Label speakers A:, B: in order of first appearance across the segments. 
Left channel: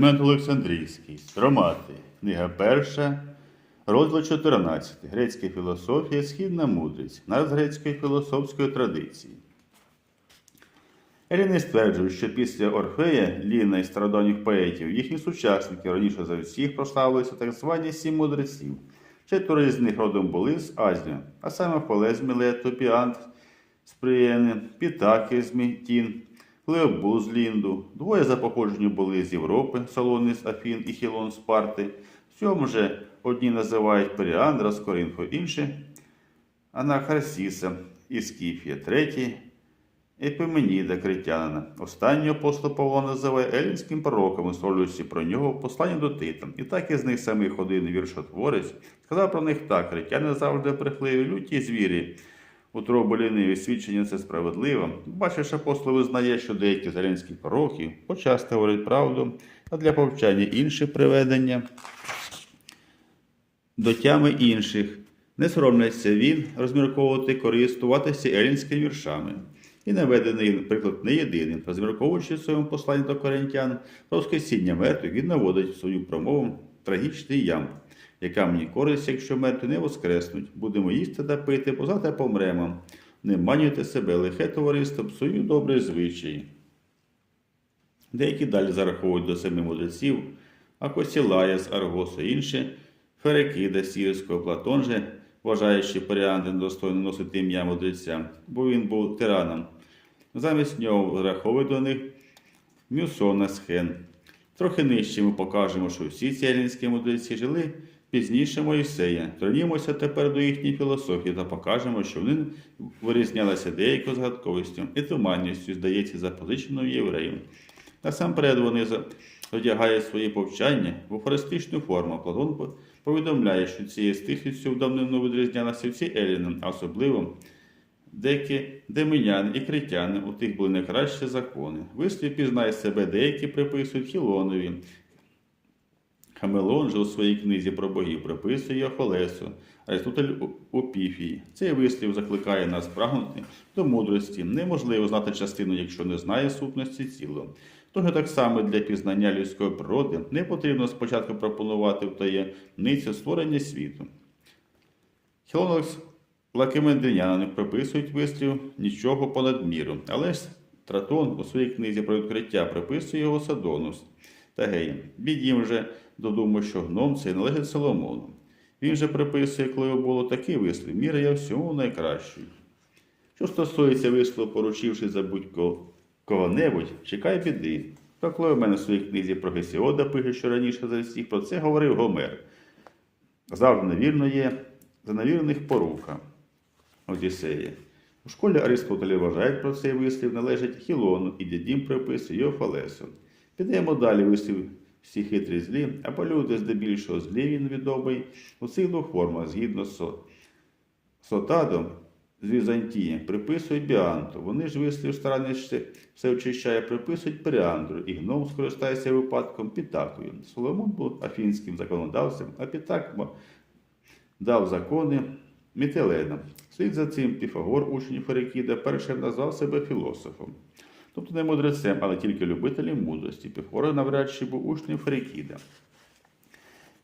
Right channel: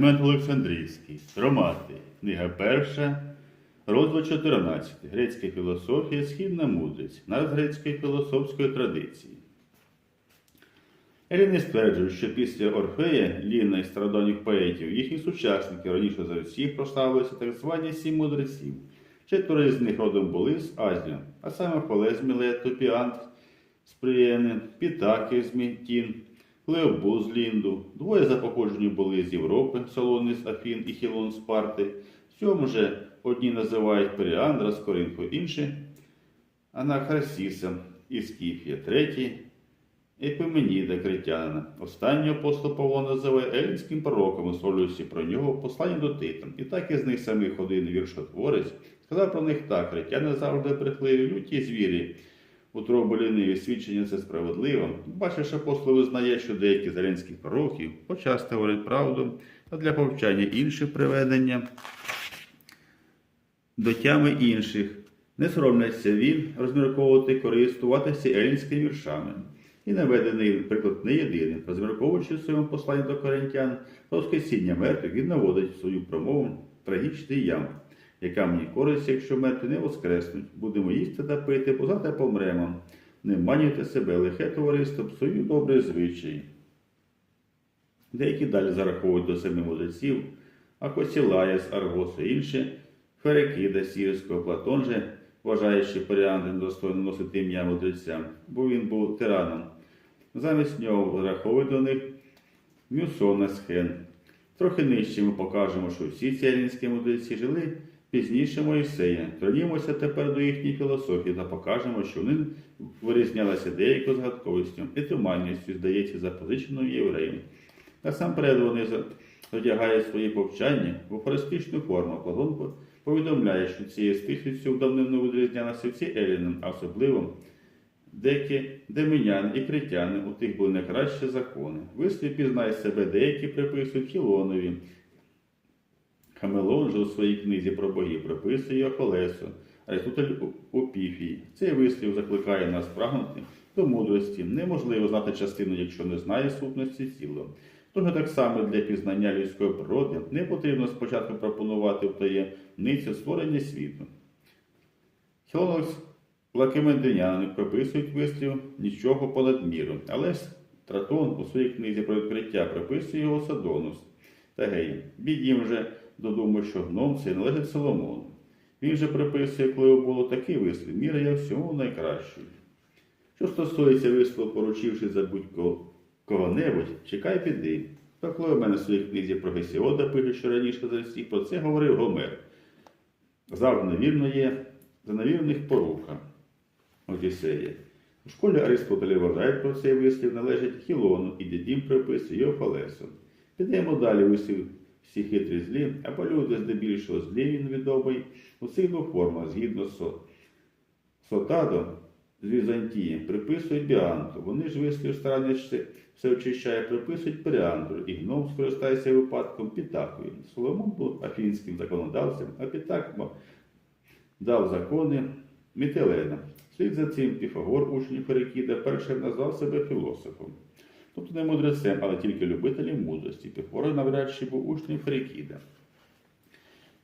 A: Климент Олександрійський, Стромати, книга перша, розділ 14. Грецька філософія, східна мудрість, нараз грецької філософської традиції. Еліни стверджують, що після Орфея, Ліна і стародавніх поетів, їхні сучасники раніше за всіх прославилися так звані сім мудреців. Четверо з них родом були з Азії, а саме Фалес Мілет, Топіант з Приєни, Пітаки з Леобуз з Лінду. Двоє за походженням були з Європи, Солони з Афін і Хілон з Парти. Сьому же одні називають Періандра з Коринфу, інші Анахарсіса із Скіфія, третій Епименіда Критянина. Останнього апостол Павло називає елінським пророком, висловлюючи про нього в посланні до Тита. І так із них самих один віршотворець сказав про них так: критяни завжди брехливі, люті звірі. Утробу ліниві свідчення це справедливо. Бачиш, апостол визнає, що деякі зеленські пророки почасто говорять правду, а для повчання інші приведення до тями інших. Не соромляться він розмірковувати, користуватися елінськими віршами. І наведений приклад не єдиний, розмірковуючи в своєму посланні до коринтян про воскресіння мертвих, він наводить в свою промову трагічний ям, яка мені користь, якщо мертві не воскреснуть. Будемо їсти та пити, бо завтра помремо. Не манюйте себе, лихе товариство, псую добрий звичай. Деякі далі зараховують до семи мудреців, а Косілая з Аргосу інші Ферекида Сірського, Платон же, вважаючи Періанди недостойно носити ім'я мудреця, бо він був тираном. Замість нього зараховують до них Мюсона Схен. Трохи нижче ми покажемо, що всі ці елінські мудреці жили пізніше Моїсея. Тронімося тепер до їхньої філософії та покажемо, що вони вирізнялися деякою згадковістю і туманністю, здається, запозиченою євреїв. Насамперед вони одягають свої повчання в афористичну форму. Платон повідомляє, що цією стихістю давнину відрізнялися всі еліни, а особливо деякі деминяни і критяни, у тих були найкращі закони. Вислів пізнай себе, деякі приписують Хілонові. Хамелон же у своїй книзі про богів приписує Афолесу, Аристотель у Піфії. Цей вислів закликає нас прагнути до мудрості. Неможливо знати частину, якщо не знає сутності цілого. Тож так само для пізнання людської природи не потрібно спочатку пропонувати в таємницю створення світу. Хілонос Лакимендиняни приписують вислів нічого понад міру, але ж Тратон у своїй книзі про відкриття приписує його Садонус та Геї. Бідім же додумав, що гном цей належить Соломону. Він же приписує, коли було такий вислів, міра я всьому найкращою. Що стосується вислову, поручивши за будь-кого кого-небудь, чекай біди. То коли в мене в своїй книзі про Гесіода пише, що раніше за всіх про це говорив Гомер. Завжди невірно є за невірних поруха Одіссея. У школі Аристотеля вважають про цей вислів належить Хілону і дідім приписує його Фалесу. Підемо далі вислів всі хитрі злі, або люди здебільшого злі він відомий у цих двох формах, згідно з Сотадо з Візантії приписують Біанту. Вони ж вислів старання все очищає, приписують Періандру, і гном скористається випадком Пітакою. Соломон був афінським законодавцем, а Пітак дав закони Мітелена. Слід за цим Піфагор, учень Ферекіда, першим назвав себе філософом. Тобто не мудрецем, але тільки любителем мудрості. Піфагор навряд чи був учнем Ферекіда.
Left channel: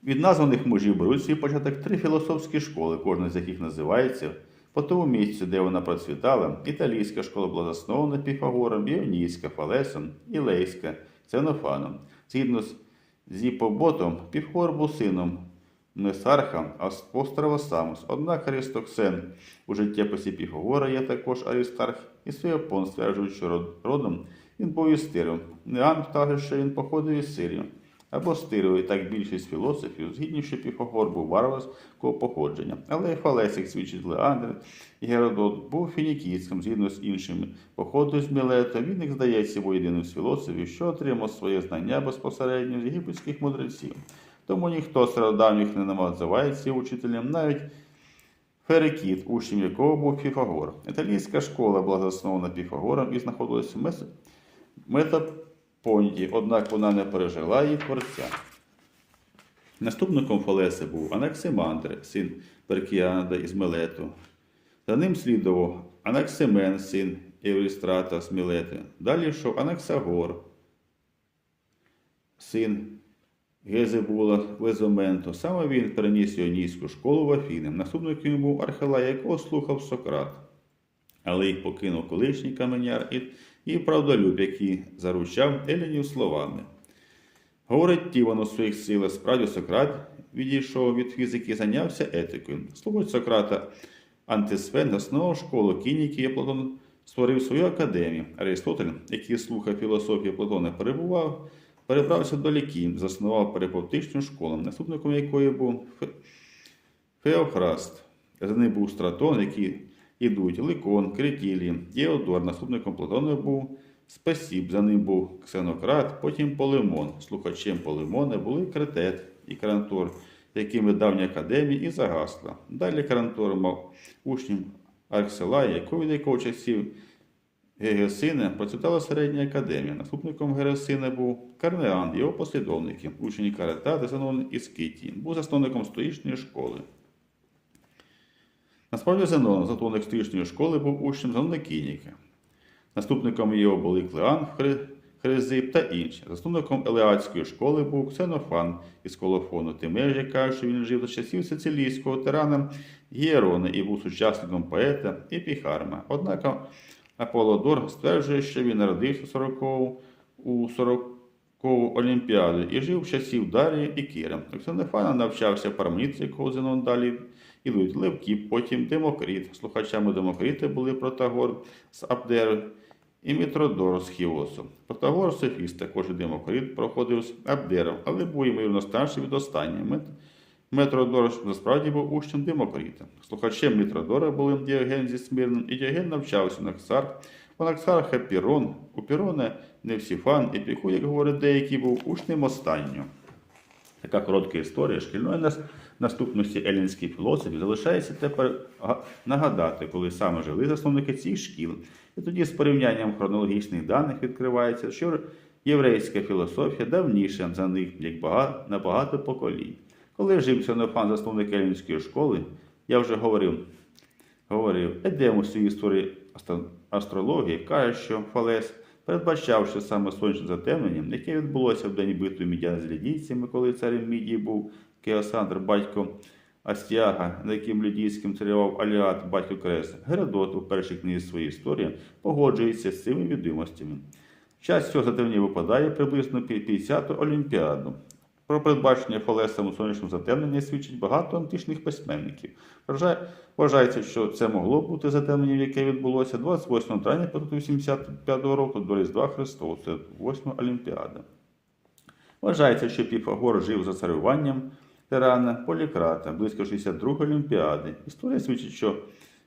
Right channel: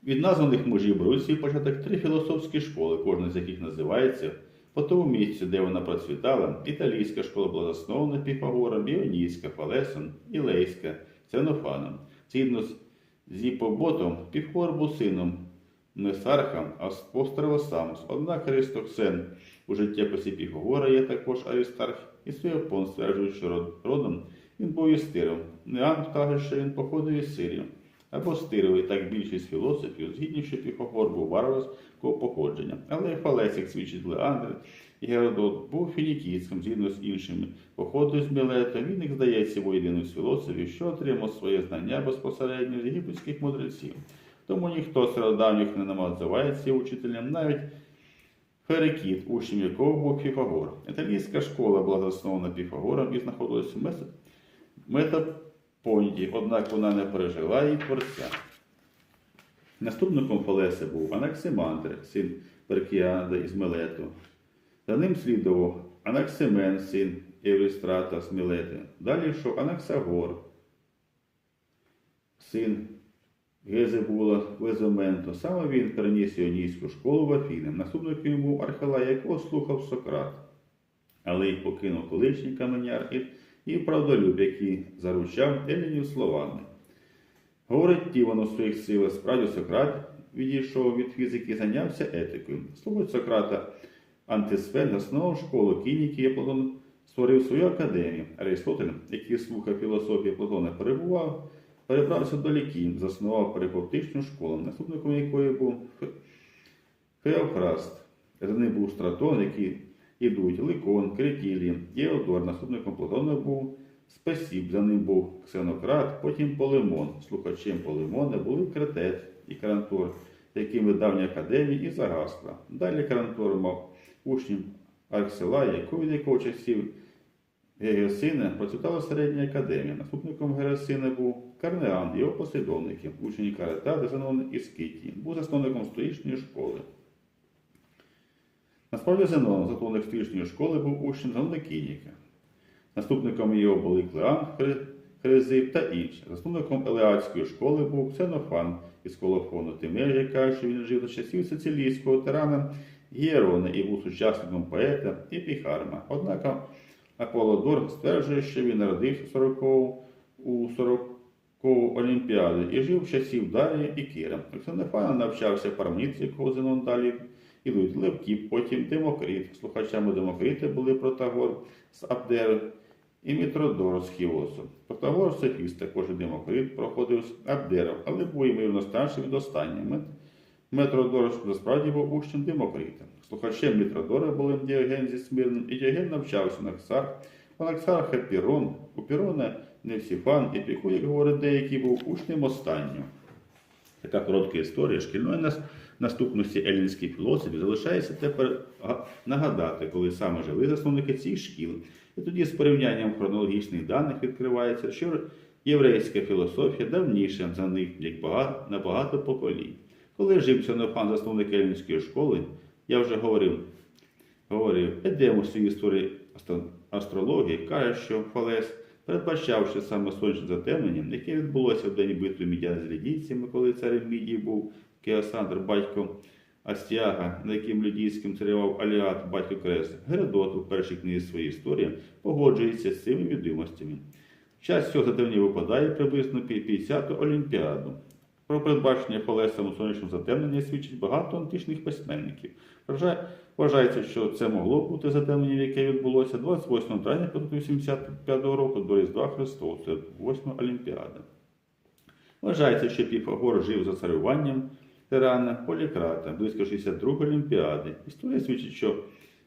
A: Від названих мужів беруть свій початок три філософські школи, кожна з яких називається по тому місці, де вона процвітала, італійська школа була заснована Піфагором, Іонійська, Фалесом, Ілейська, Ценофаном. Згідно з Зіпоботом, Піфагор був сином Несарха, а пострава Самос. Однак Аристоксен у життєписі Піфагора є також Аристарх, і Суєпон стверджують, що родом він був із Тиром. Неан каже, що він походив із Сирії або стирили так більшість філософів, згідні, що Піфагор був варварського походження. Але і Фалесик свідчить Леандр і Геродот був фінікійським, згідно з іншими. Походу з Мілета, він, як здається, єдиним з філософів, що отримав своє знання безпосередньо з єгипетських мудреців. Тому ніхто з стародавніх не називається учителем, навіть Ферекіт, учнем якого був Піфагор. Італійська школа була заснована Піфагором і знаходилася в Метапонті, однак вона не пережила її творця. Наступником Фалеси був Анаксимандр, син Перкіанда із Мелету. За ним слідував Анаксимен, син Еврістрата з Мілети. Далі йшов Анаксагор, син Гезебула Лезоменто. Саме він переніс іонійську школу в Афіни. Наступником йому був Архилай, якого слухав Сократ. Але й покинув колишній каменяр і, правдолюб, який заручав Елінів словами. Говорить Тіван у своїх силах, справді Сократ відійшов від фізики і зайнявся етикою. Слово Сократа Антисфен заснував школу кініки, і Платон створив свою академію. Аристотель, який слухав філософію Платона, перебував, перебрався до Лікій, заснував перипевтичну школу, наступником якої був Фе- Феофраст. За ним був Стратон, який ідуть Ликон, Критілій, Діодор, наступником Платона був Спасіб, за ним був Ксенократ, потім Полемон. Слухачем Полемона були Кретет і Карантор, якими давня академія і загасла. Далі Карантор мав учнів Аркселая, якого від якого часів Геосина процвітала середня академія. Наступником Герасина був Карнеан, його послідовники, учні Карета, Зенон із Скитії. Був засновником стоїчної школи. Насправді Зенон, засновник стоїчної школи, був учнем Зенона. Наступником його були Клеан, Хризип та інші. Засновником Елеатської школи був Ксенофан із Колофону. Тимеж, яка що він жив за часів сицилійського тирана Гєрона і був сучасником поета Епіхарма. Однак Аполлодор стверджує, що він народився у 40 у 40 Олімпіаду і жив часів Дарії і Кіра. У Ксенофана навчався парамніці, якого Зенон далі ідуть Левкіп, потім Демокрит. Слухачами Демокрита були Протагор з Абдер і Мітродор з Хіосу. Протагор Софіст, також і Демокрит, проходив з Абдером, але був ймовірно старший від останнього. Мет- Метродор насправді був учнем Демокрита. Слухачем Мітродора були Діоген зі Смирним, і Діоген навчався на Ксар, у Наксарха Пірон, у Пірона Невсіфан, і Піку, як говорять деякі, був учнем останнього. Така коротка історія шкільної нас наступності елінських філософів залишається тепер нагадати, коли саме жили засновники цих шкіл. І тоді з порівнянням хронологічних даних відкривається, що єврейська філософія давніша за них як бага- на багато поколінь. Коли жив Ксенофан, засновник елінської школи, я вже говорив, говорив, Едем у історії астрології каже, що Фалес, передбачавши саме сонячне затемнення, яке відбулося в день битви мідян з лідійцями, коли царем Мідії був Кеосандр, батько Астіага, на яким лідійським царював Аліат, батько Крес, Геродот у першій книзі своєї історії погоджується з цими відомостями. Час цього затемнення випадає приблизно під 50-ту Олімпіаду. Про передбачення Фалесом у сонячному затемненні свідчить багато античних письменників. Вважається, що це могло бути затемнення, яке відбулося 28 травня 585 року до Різдва Христового, це 8 Олімпіада. Вважається, що Піфагор жив за царюванням тирана Полікрата близько 62 Олімпіади. Історія свідчить, що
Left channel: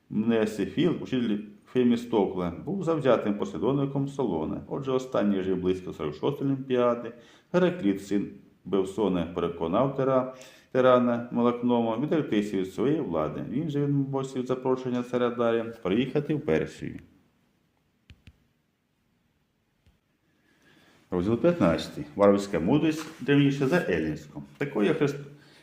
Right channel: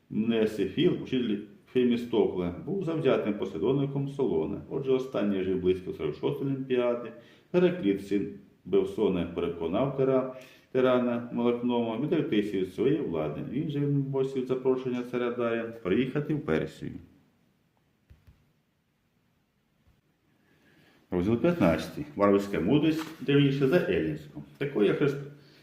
A: Мнесифіл, учитель Фемістокла, був завзятим послідовником Солона. Отже, останній жив близько 46 Олімпіади. Геракліт, син Бевсона, переконав тира, тирана Молокнома відректися від своєї влади. Він же відмовився від запрошення царя Дарія приїхати в Персію. Розділ 15. Варварська мудрість древніша за елінську. Такою хрест...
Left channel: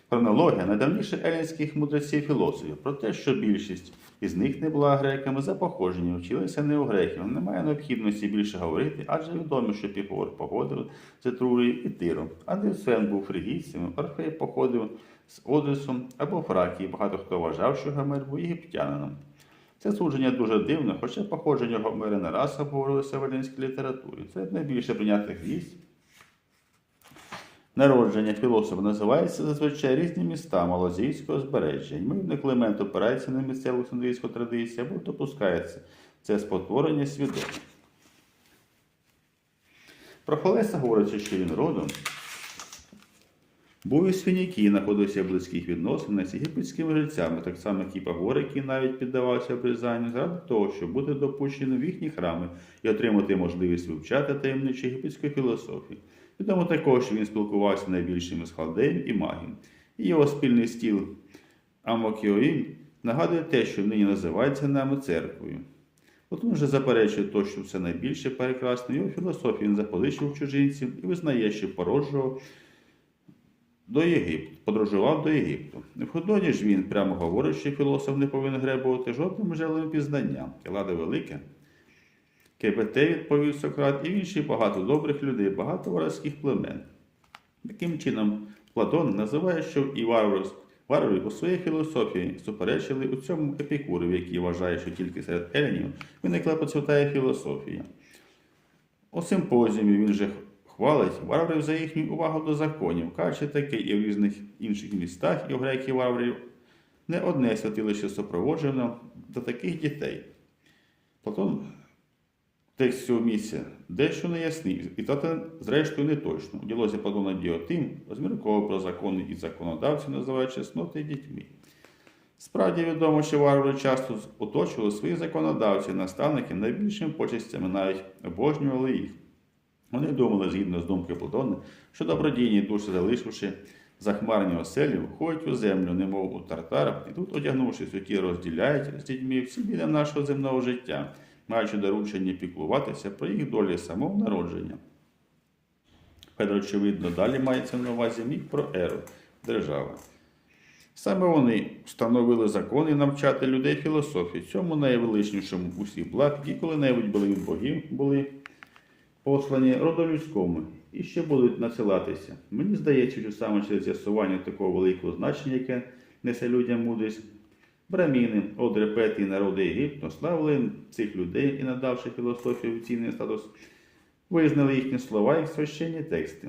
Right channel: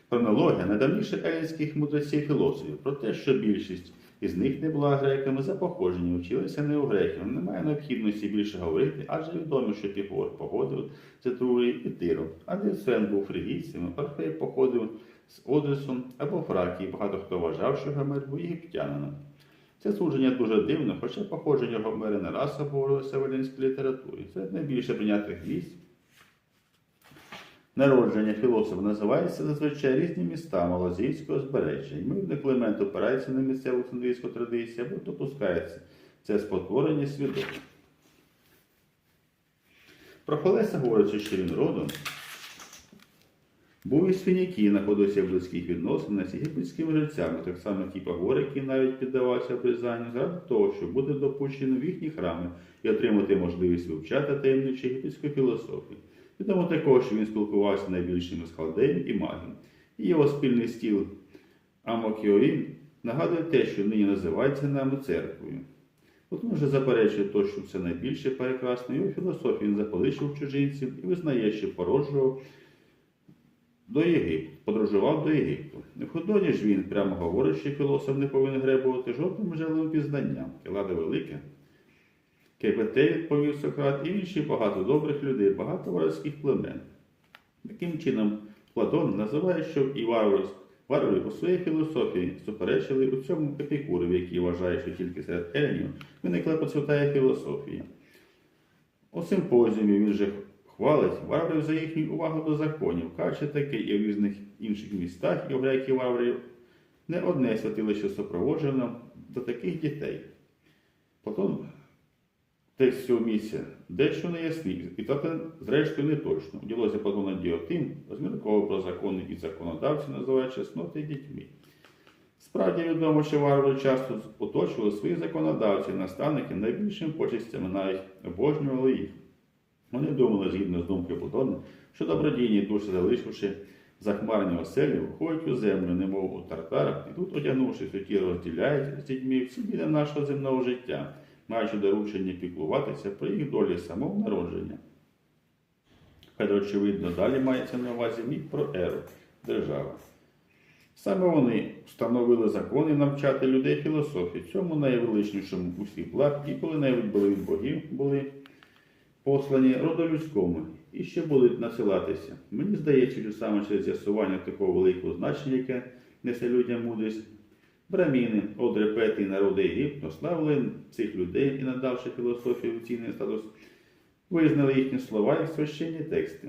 A: хронологія найдавніших елінських мудреців філософів про те, що більшість із них не була греками за походженням, вчилися не у греків. Немає необхідності більше говорити, адже відомо, що Піфагор походив з Етрурії і Тиру, а Дельфен був фригійцем, Орфей походив з Одесу або Фракії. Багато хто вважав, що Гомер був єгиптянином. Це судження дуже дивно, хоча походження Гомера не раз обговорилося в елінській літературі. Це найбільше прийнятих місць. Народження філософа називається зазвичай різні міста Малазійського збережжя. Ймовірно, Климент опирається на місцеву синдрійську традицію або допускається це спотворення свідомості. Про Фалеса говориться, що він родом був із Фінікії, знаходився в близьких відносинах з єгипетськими жрецями, так само як і який навіть піддавався обрізанню, заради того, щоб бути допущеним в їхні храми і отримати можливість вивчати таємничі єгипетської філософії. Відомо також, що він спілкувався найбільшими з халдеїв і магів. І його спільний стіл Амокіоїн нагадує те, що нині називається нами церквою. От він вже заперечує то, що все найбільше прекрасне, його філософію він заполичив чужинців і визнає, що породжував до Єгипту, подорожував до Єгипту. В Ходоні ж він прямо говорить, що філософ не повинен гребувати жодним джерелом пізнання. Келада велика. КПТ відповів Сократ і інші багато добрих людей, багато воровських племен. Таким чином, Платон називає, що і варвари, варвари по своїй філософії суперечили у цьому епікурові, який вважає, що тільки серед еленів виникла процвітає філософія. У симпозіумі він же хвалить варварів за їхню увагу до законів, кажучи таке і в різних інших містах, і у греків варварів не одне святилище супроводжено до таких дітей. Платон текст цього місця дещо неясний, і та зрештою не точно. У ділозі Платона Діотим розмірковував про закони і законодавці, називають чесноти дітьми. Справді відомо, що варвари часто оточували своїх законодавців, наставники найбільшими почестями навіть обожнювали їх. Вони думали, згідно з думкою Платона, що добродійні душі, залишивши захмарні оселі, входять у землю, немов у тартара, і тут, одягнувшись у ті, розділяють з дітьми всі біди нашого земного життя, маючи доручення піклуватися про їх долі самого народження. Петро, очевидно, далі мається на увазі міг про еру, держава. Саме вони встановили закони навчати людей філософії, цьому найвеличнішому усіх благ, які коли-небудь були від богів, були послані роду людському і ще будуть насилатися. Мені здається, що саме через з'ясування такого великого значення, яке несе людям мудрість, браміни, одрепети і народи Єгипту славили цих людей і, надавши філософію офіційний статус, визнали їхні слова як священні тексти.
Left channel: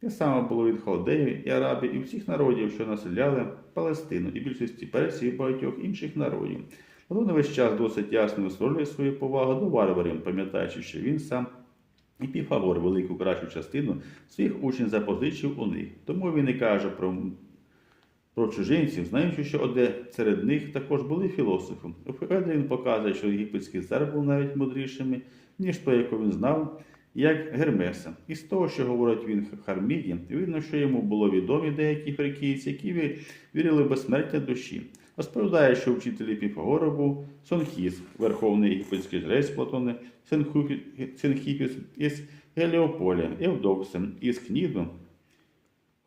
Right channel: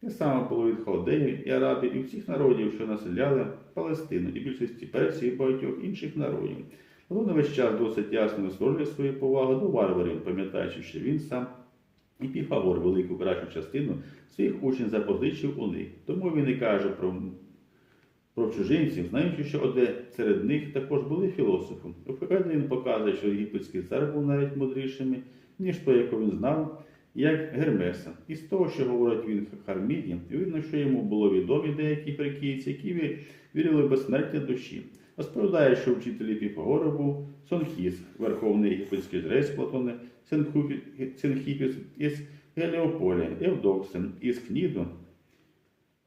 A: Те саме було від халдеїв і арабів і всіх народів, що населяли Палестину і більшості персів і багатьох інших народів. Платон весь час досить ясно висловлює свою повагу до варварів, пам'ятаючи, що він сам і Піфагор велику кращу частину своїх учнів запозичив у них. Тому він і каже про, про чужинців, знаючи, що оде серед них також були філософи. Феоді він показує, що єгипетський цар був навіть мудрішими, ніж той, якого він знав, як Гермеса. І з того, що говорить він Харміді, видно, що йому було відомі деякі фрикійці, які вірили в безсмертя душі. Розповідає, що вчителі Піфагора був Сонхіс, верховний єгипетський жрець Платони, Синху- Синхіпіс із Геліополя, Евдоксен із Кніду,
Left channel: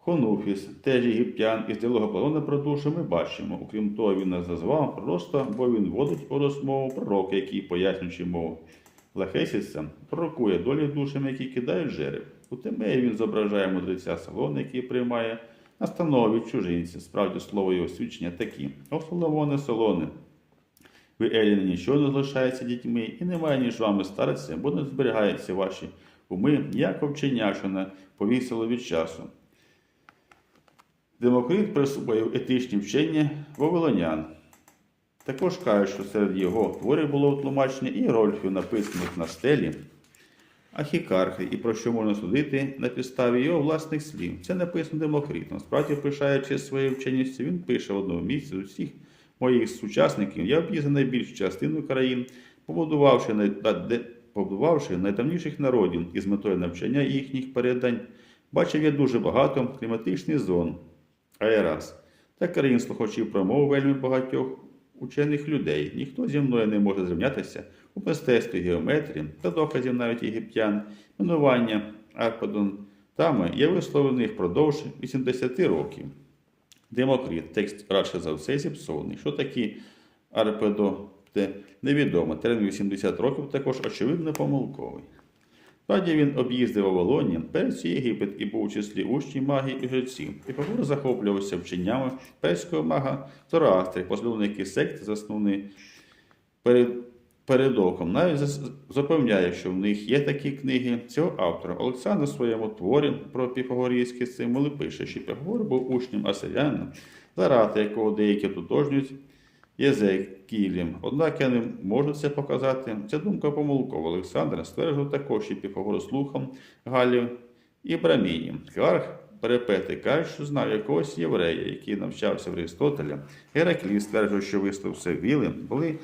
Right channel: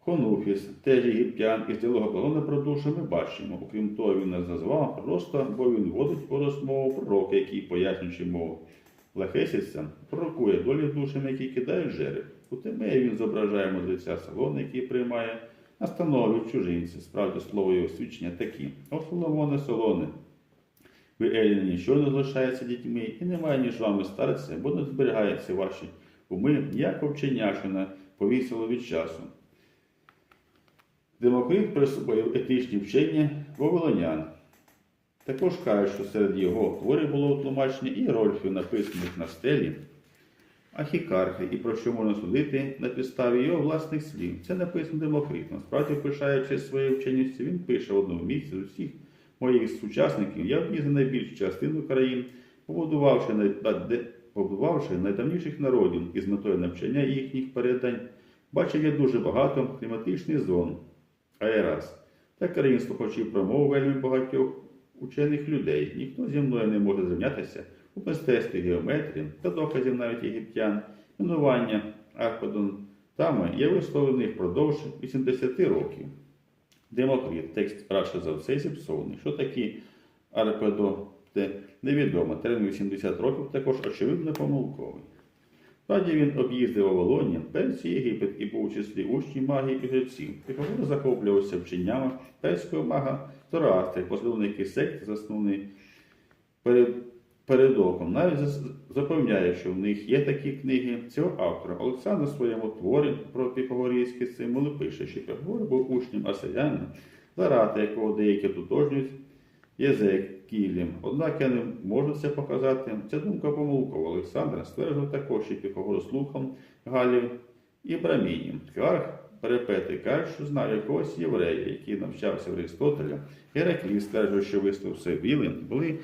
A: Хонуфіс, теж єгиптян, із діалога Платона про душу ми бачимо. Окрім того, він нас зазвав просто, бо він вводить у розмову пророка, який, пояснюючи мову Лахесіса, пророкує долі душами, які кидають жереб. У Тимеї він зображає мудреця Салона, який приймає настанови від чужинців. Справді слово його свідчення такі. О, Соломоне, Солоне, ви Еліни нічого не залишається дітьми, і немає ніж вами старатися, бо не зберігаються ваші уми, як овченя, що повісило від часу. Демокрит присвоїв етичні вчення вавилонян. Також каже, що серед його творів було тлумачення і рольфів, написаних на стелі, ахікархи, і про що можна судити на підставі його власних слів. Це написано Демокритом. Справді, пишаючи своєю вченістю, він пише в одному місці з усіх моїх сучасників. Я об'їздив найбільшу частину країн, побудувавши, най... побудувавши найдавніших народів із метою навчання їхніх передань, бачив я дуже багато кліматичних зон, аераз та країн слухачів промов вельми багатьох учених людей. Ніхто зі мною не може зрівнятися у мистецтві геометрії та доказів навіть єгиптян, минування арпадонтами є висловлений впродовж 80 років. Демокрит, текст радше за все зіпсований. Що такі арпедоте невідомо. Термін 80 років також очевидно помилковий. Справді він об'їздив Вавилонію, Персію, Єгипет і був у числі учнів магії і жреців. І Павло захоплювався вченнями перського мага Зороастри, послідовники секти, заснований перед, передоком. Навіть запевняє, що в них є такі книги цього автора. Олександр у своєму творі про піфагорійські символи пише, що Піфагор був учнем Асаряна, Зарата, якого деякі тутожнюють Єзекілем. Однак я не можу це показати. Ця думка помилкова. Олександр стверджував також, що Піфагор слухом Галів і Брамінів. Хіарх Перепети каже, що знав якогось єврея, який навчався в Аристотеля. Гераклій стверджував, що вислов Севіли були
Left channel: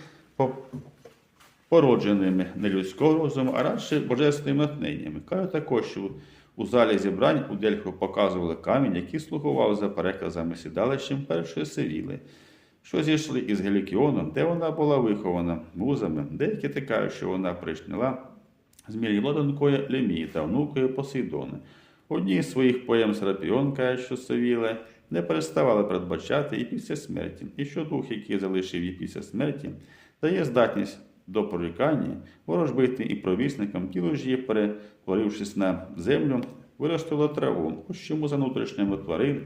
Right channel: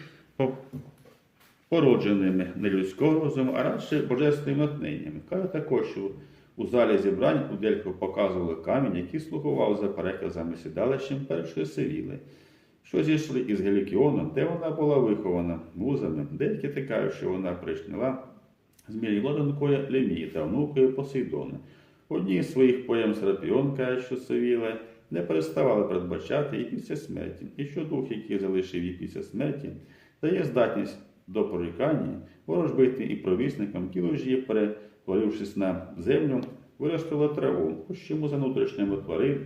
A: породженими не людського розуму, а радше божественними натхненнями. Каже також, що у залі зібрань у Дельфу показували камінь, який слугував за переказами сідалищем першої Севіли, що зійшли із Гелікіоном, де вона була вихована музами. Деякі тикають, що вона прийшла з донькою Лемії та внукою Посейдони. Одній з своїх поем Серапіон каже, що Севіле не переставала передбачати і після смерті, і що дух, який залишив її після смерті, дає здатність до прорікання, ворожбити і провісникам, тіло ж її, перетворившись на землю, виростило траву, ось чому за внутрішніми тварин,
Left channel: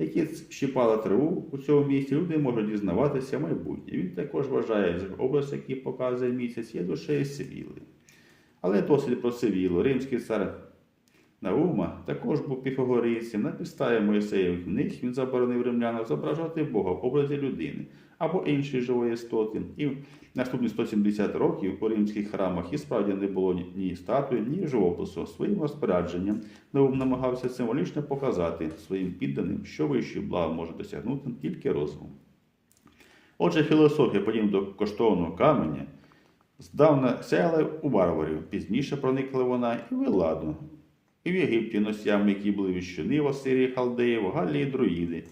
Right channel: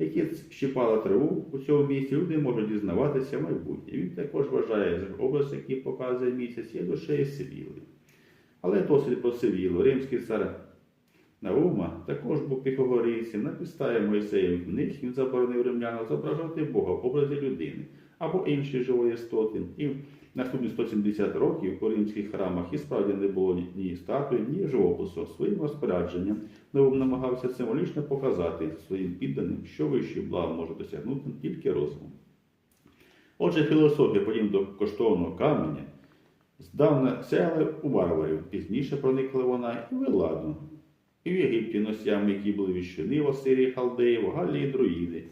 A: які щипали траву у цьому місці, люди можуть дізнаватися майбутнє. Він також вважає, що образ, який показує місяць, є душею Сивіли. Але досить про Сивілу. Римський цар Наума також був піфагорійцем. На підставі Моїсеєвих книг він заборонив римлянам зображати Бога в образі людини або іншої живої істоти. І наступні 170 років у римських храмах і справді не було ні- статуї, ні живопису. Своїм розпорядженням Наум намагався символічно показати своїм підданим, що вищі блага може досягнути тільки розум. Отже, філософія, подібно до коштовного каменя, здавна сяяла у варварів, пізніше проникла вона і в Еладу, і в Єгипті носями, які були віщуни в Асирії, Халдеї, в Галлії друїди.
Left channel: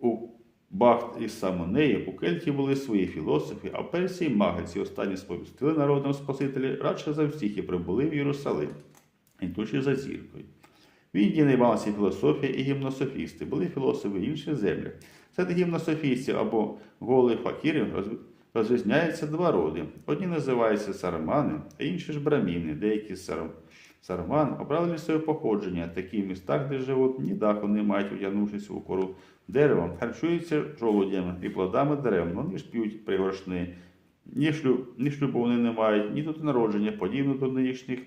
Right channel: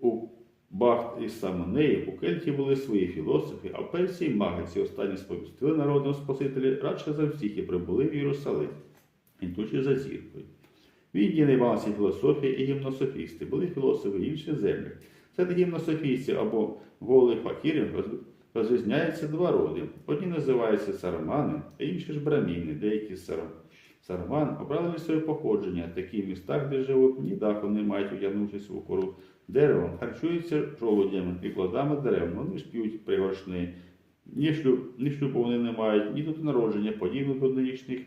A: У Бахт і Самонеї у Кельті були свої філософи, а Персії маги ці останні сповістили народом Спасителі радше за всіх і прибули в Єрусалим, йдучи за зіркою. В Індії найбалася філософія і гімнософісти, були філософи інших землях. Серед гімнософістів або голих факірів розрізняються два роди. Одні називаються сарамани, а інші ж браміни. Деякі сарам... сараман обрали своє походження. Такі в містах, де живуть, ні даху не мають, одягнувшись у кору деревом, харчуються жолудями і плодами дерев. Вони ж п'ють пригоршни. Ні, шлюб, ні шлюбу вони не мають, ні тут народження, подібно до нинішніх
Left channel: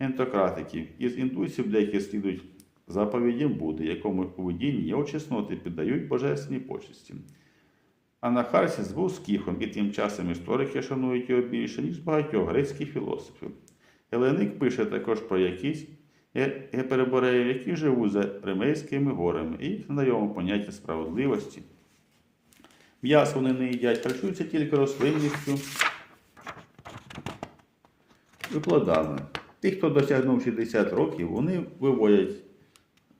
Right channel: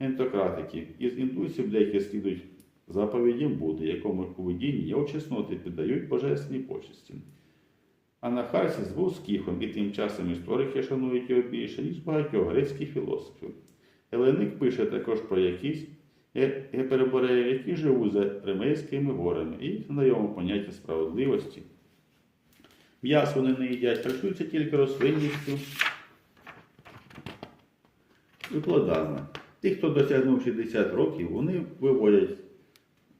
A: ентократиків. Із індусів деякі слідують заповідям Будди, якому у видінні його чесноти піддають божественні почесті. А Нахарсіс був скіфом, і тим часом історики шанують його більше, ніж багатьох грецьких філософів. Геленик пише також про якісь ге- гепербореїв, які живуть за Римейськими горами, і знайомо поняття справедливості. М'ясо вони не їдять, харчуються тільки рослинністю і. Ті, хто досягнув 60 років, вони виводять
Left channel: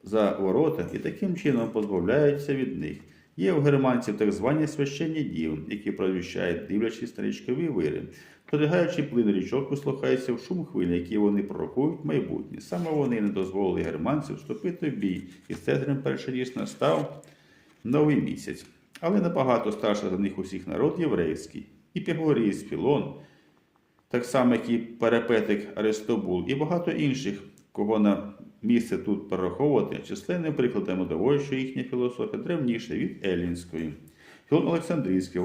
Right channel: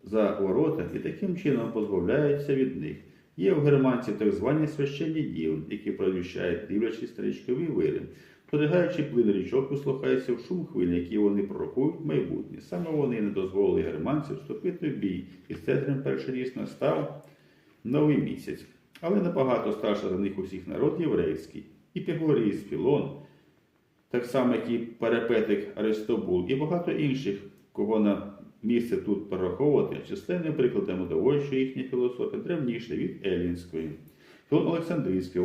A: за ворота і таким чином позбавляються від них. Є в германців так звані священні діви, які провіщають дивлячись стрічкові вири. Подигаючи плин річок, вислухається в шум хвиль, які вони пророкують майбутнє. Саме вони не дозволили германців вступити в бій, і Цезарем перший настав новий місяць. Але набагато старше за них усіх народ єврейський, і Пігоріс, Філон, так само, як і Перепетик Аристобул, і багато інших, кого на місце тут перераховувати, численними прикладами доводять, що їхня філософія древніша від елінської. Філон Олександрійський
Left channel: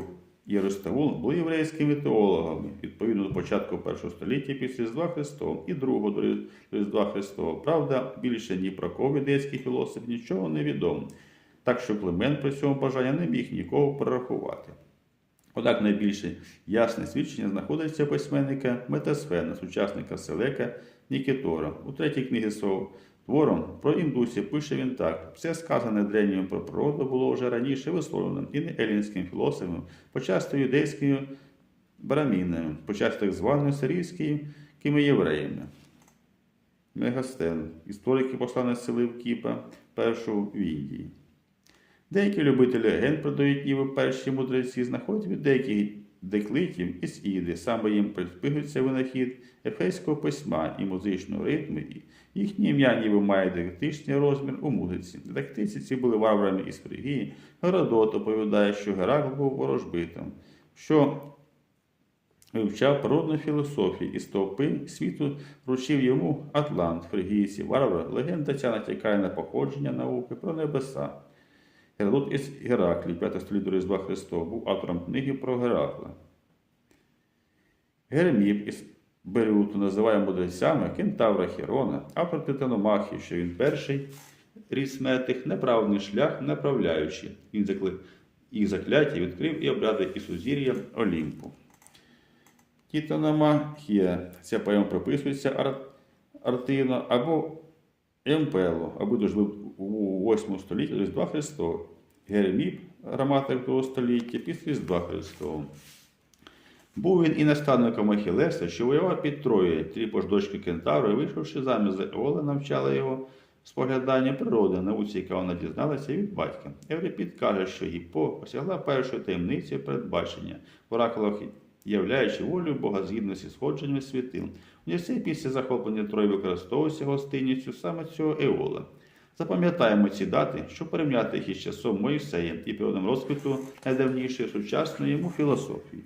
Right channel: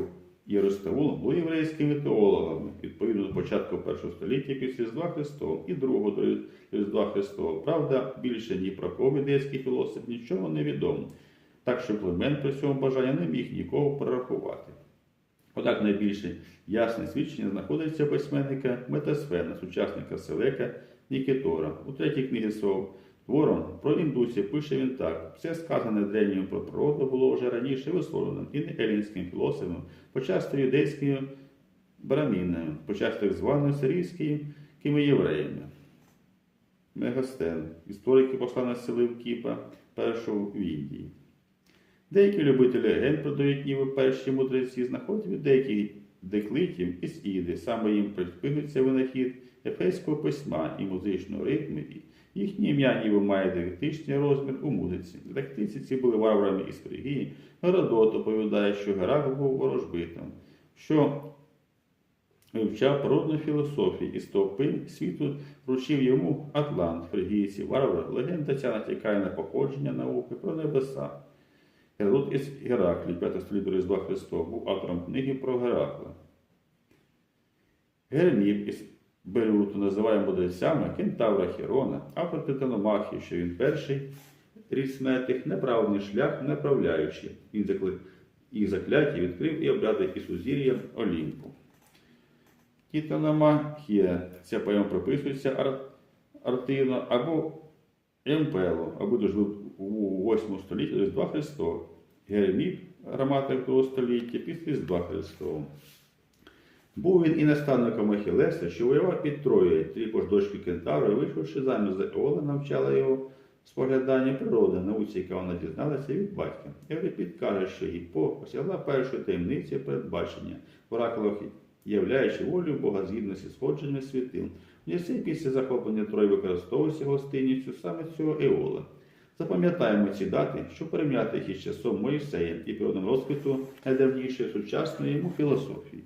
A: і Аристовул були єврейськими теологами, відповідно до початку першого століття після Різдва Христового і другого до Різдва Христового. Правда, більше ні про кого юдейський філософ нічого не відомо, так що Климент при цьому бажання не міг нікого перерахувати. Однак найбільше ясне свідчення знаходиться письменника Метасфена, сучасника Селека Нікітора. У третій книгі свого твором про індусів пише він так: все сказане древнім про природу було вже раніше висловлено і не елінським філософом, почасто юдейськими брамінами, почасто так званими сирійськими євреями. Мегастен, історики послання Селевкіпа, першого в Індії. Деякі любителі легенд продають ніби перші мудреці, знаходять від деяких деклитів і сіди. Саме їм приспигується винахід ефейського письма і музичного ритму. І Їхні ім'я ніби має дидактичний розмір у музиці. Дидактиці ці були варварами із Фригії. Геродот оповідає, що Геракл був ворожбитом, що вивчав природну філософію і стовпи світу вручив йому Атлант, фригійці, варвар. Легенда ця натякає на походження науки про небеса. Геродот із Гераклі, 5 століття Різдва Христова, був автором книги про Геракла. Герміп із Береуту називає мудрецями кентавра Херона, автор Титаномахії, що він перший ріс метих, неправний шлях направляючи. Він закли... їх закляття відкрив і обряди і сузір'я Олімпу. Титаномахія. Ця поема приписується Ар... Артино або Емпело, або дожив у 8 столітті Різдва Христова. Гереміп, граматик 2 століття, після Різдва Христового. Був він і наставником Ахілеса, що воював під Троєю, тріпош дочки Кентавра, вийшовши заміж за Еола, навчала його споглядання природи, науці, яка вона дізналася від батька. Еврипід каже, що Гіппо осягла першою таємницею передбачення, в оракулах являючи волю Бога згідності сходженнями світил. У після захоплення Трої використовувався гостинністю саме цього Еола. Запам'ятаємо ці дати, щоб порівняти їх із часом Моїсея і періодом розквіту найдавнішої сучасної йому філософії.